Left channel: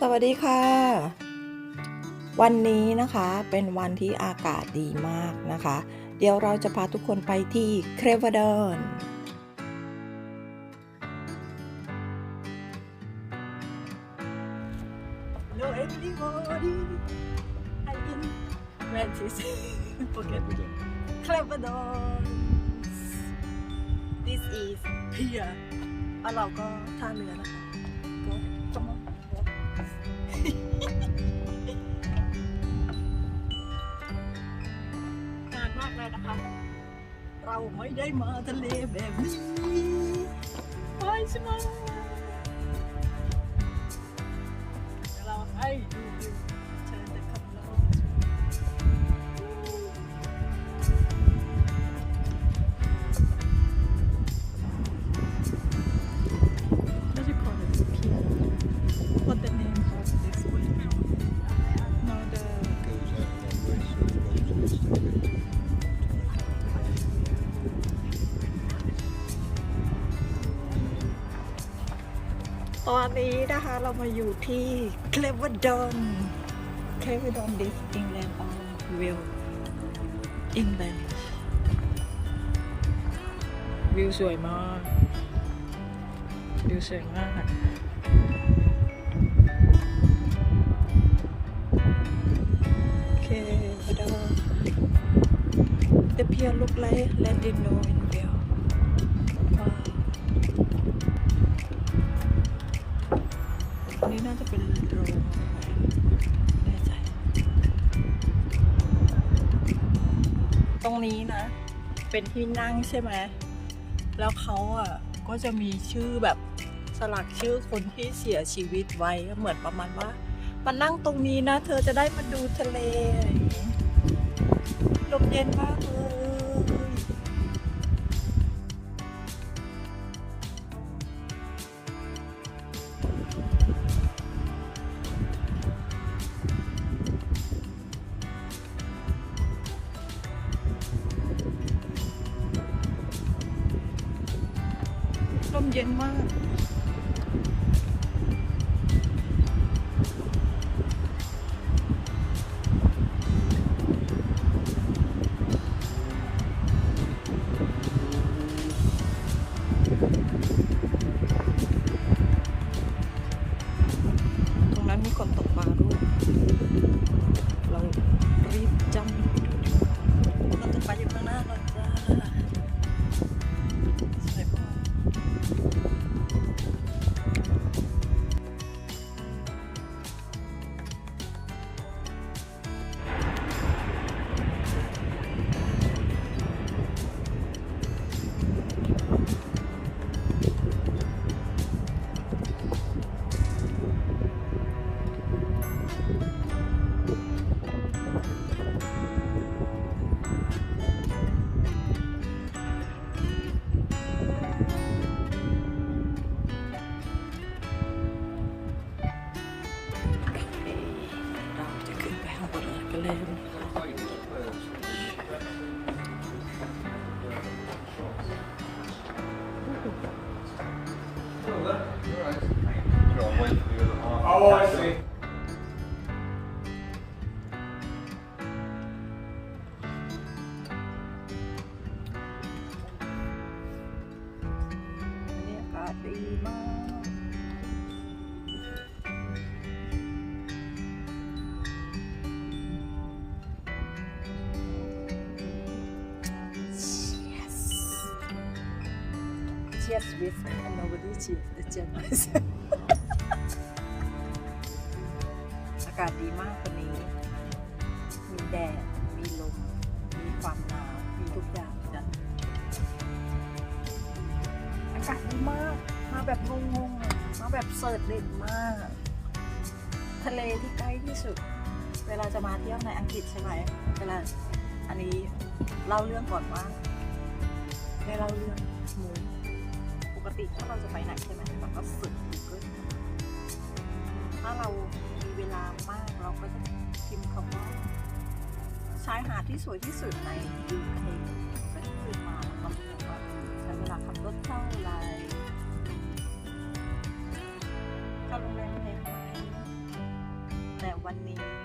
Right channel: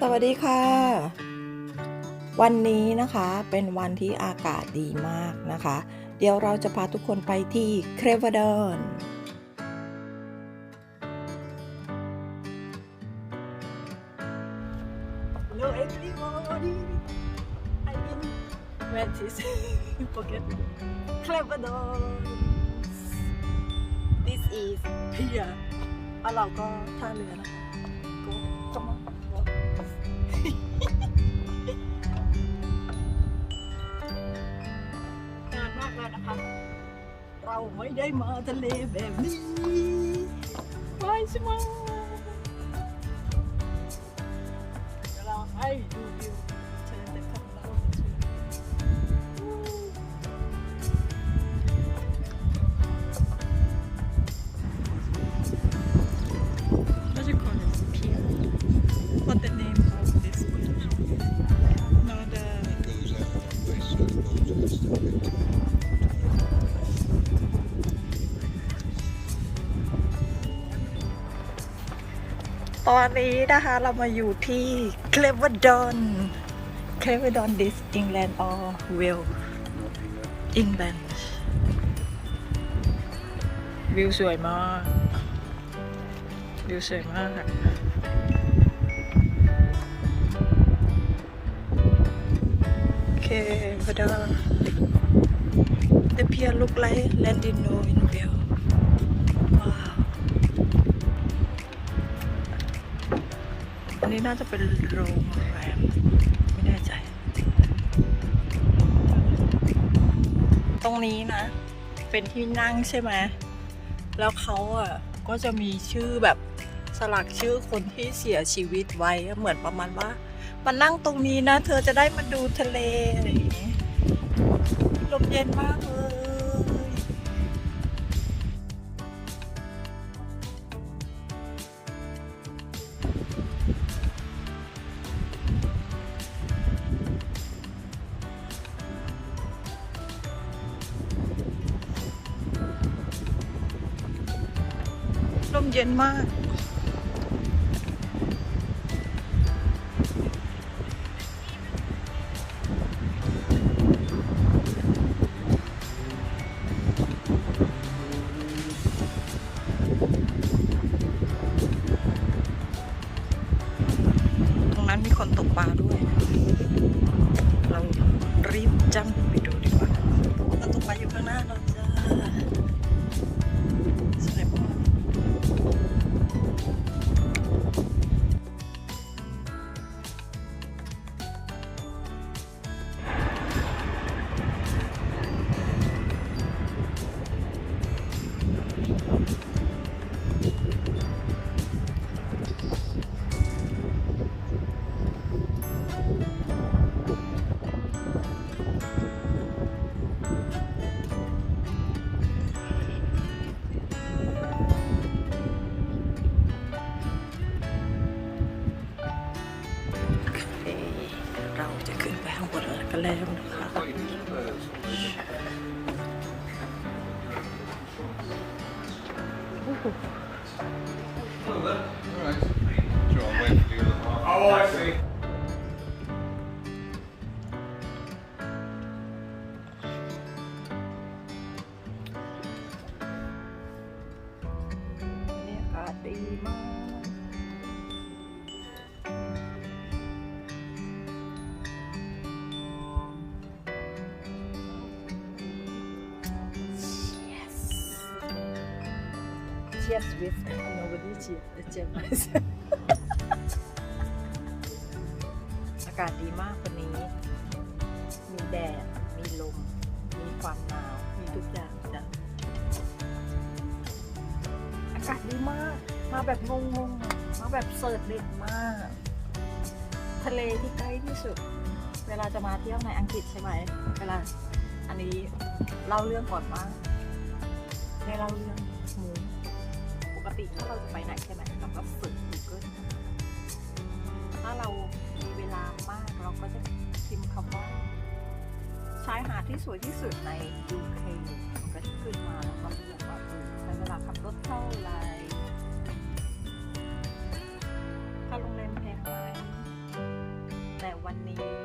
สวัสดีค่ะ วันนี้นะคะเป็นวันที่อากาศดีมากนะคะ เดี๋ยวเราจะพาทุกคนไปที่เครวดอน Hello everybody. I'm in Francis. Forget me. Cleverdons. This is Pier. แล้วเราก็ท่าเรือนะคะก็จะ เราไม่ได้มาท ตอนนี้นะคะเรามาอยู่ที่เคลเวอร์ดอนเคลเวอร์ดอนดิสอิงแลนด์ออเวลอิงแลนด์วิวสวยมาก วิวสวยมากค่ะเคเวอร์ดอน The pier look like Latino in Wales อันนี้น่าจะเป็นโรงแรม ไม่แน่ใจ ตรงนี้นะ เป็นที่นั่งใช่ไหม แล้วเขาอะ ก็จะมีชื่อแบบสลักชื่อคนที่เสียชีวิตไว้เหมือนประมาณว่ามานั่งตรงนี้นะ เธอจะได้มาดูทะเลอะไรอย่างงี้ลมเย็นมากเลย ลมเย็นมาก ตรงนั้นมีคนตกปลาด้วย เรารีบจำไปดูดีกว่าคนตกปลาอยู่ข้างหน้าเราจ้าสวยมาก どうぞ。 กันแล้วนะคะ Cheers with nobody cheers the chef อากาศดีมากวันนี้ มีแดด มีลม มีความหนาว มีทุกอย่างจ้ะอากาศดีมาก มาแบบงงๆ มาแบบเสิร์ชเด็ดมาก ทะเลที่ใกล้ที่สุด เวลาจะมาเที่ยวในอังกฤษใช่ไหม เวลา อันนี้เล่าเรื่องก่อนว่าได้เล่าเรื่อง ติถ้าเราจะไปไหนใช่ไหมเราก็ฝึก Google ถ้าเรามีเวลามากเราก็จะพิมพ์คำว่าชายหาดที่สวยที่สุดใน UK มันก็จะขึ้นมาแล้วก็เลือกว่าใช้เวลาขับรถเท่าไหร่ถ้าโรงแรมแพงไหมแต่วันนี้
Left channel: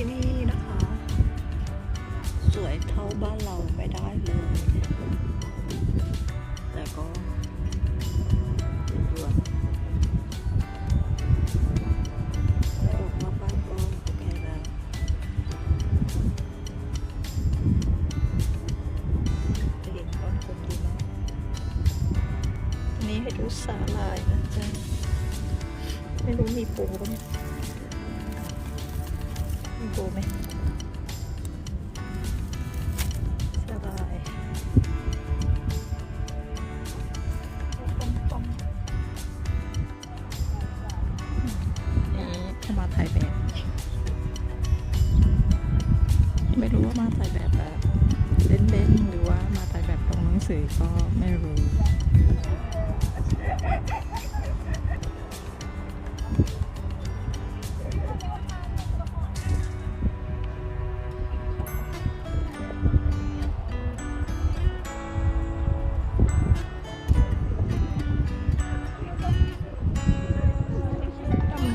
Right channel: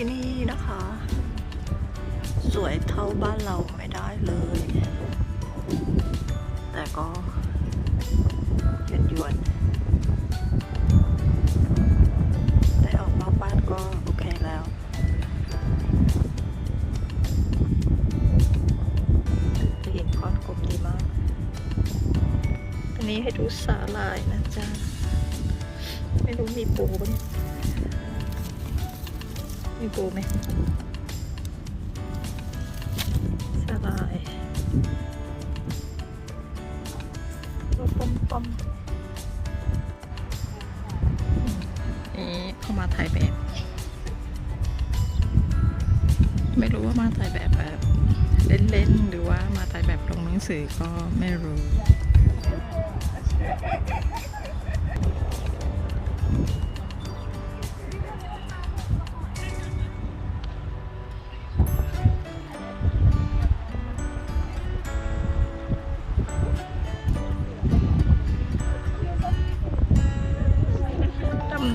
ที่นี่นะคะ สวยเท่าบ้านเราไม่ได้เลย แต่ก็ยวนยวนๆได้ออกนอกบ้านก็โอเคแล้วจะเห็นก้อนกลมดีมาก อันนี้ให้ดูสาลายนะจ๊ะ ไม่รู้มีปูปะเนี่ย มีปูไหมสบายตัวปมปมนี่เข้ามาถ่ายแบบ ไม่รู้ว่ามาถ่ายแบบแบบเล่นๆ หรือว่ามาถ่ายแบบลงหนังสือก็ไม่รู้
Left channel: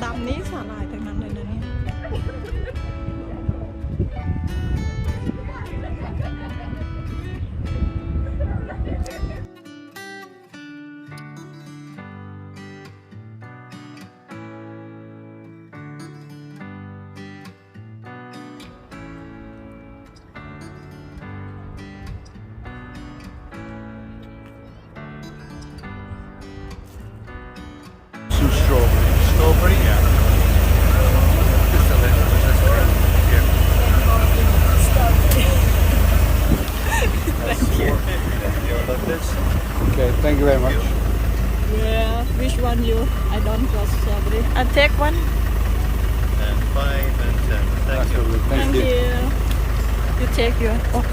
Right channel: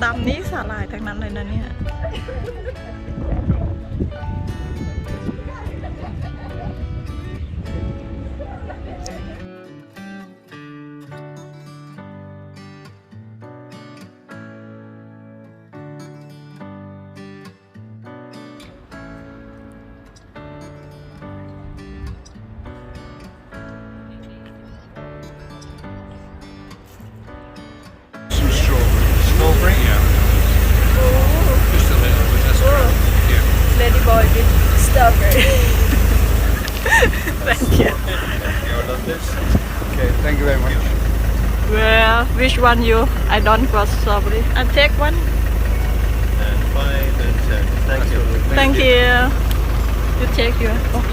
ตำนี้สาหร่ายทั้งนั้นเลยนะเนี่ย Yeah. Lady boy with strawberry Thank you Okay, thank you very much. Where which one you I don't got strawberry I take one and five and seven. Thank you. Thank you You take your oh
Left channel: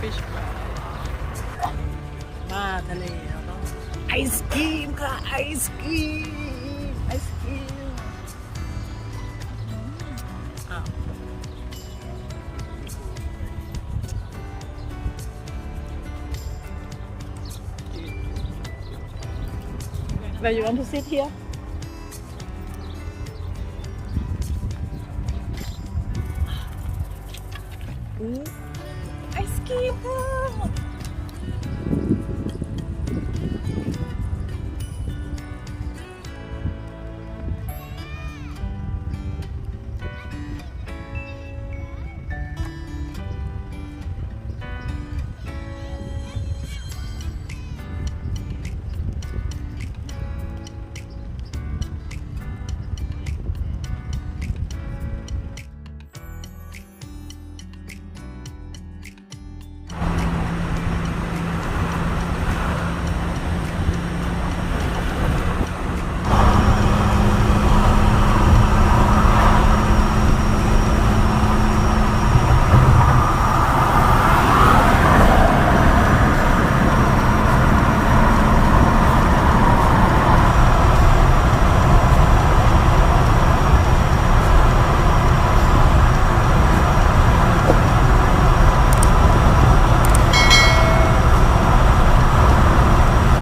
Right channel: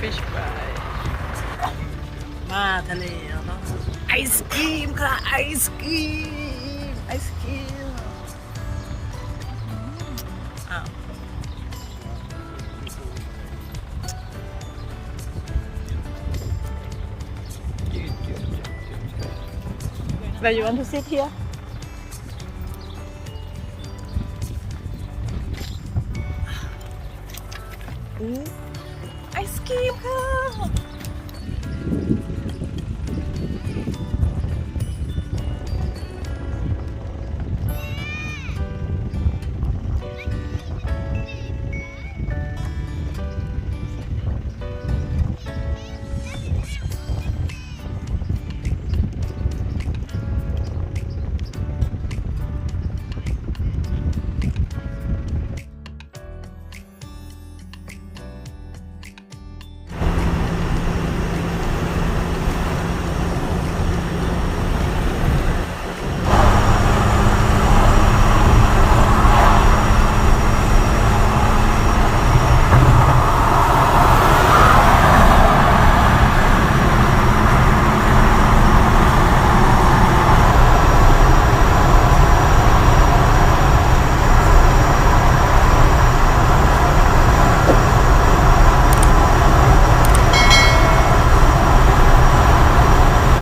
Fish fry มาทะเลเราต้องไอศกรีมค่ะ ไอศกรีม ไอศกรีมอืมอ้าว Where you want to sit here? Ooh, ไอศกรีมค่ะ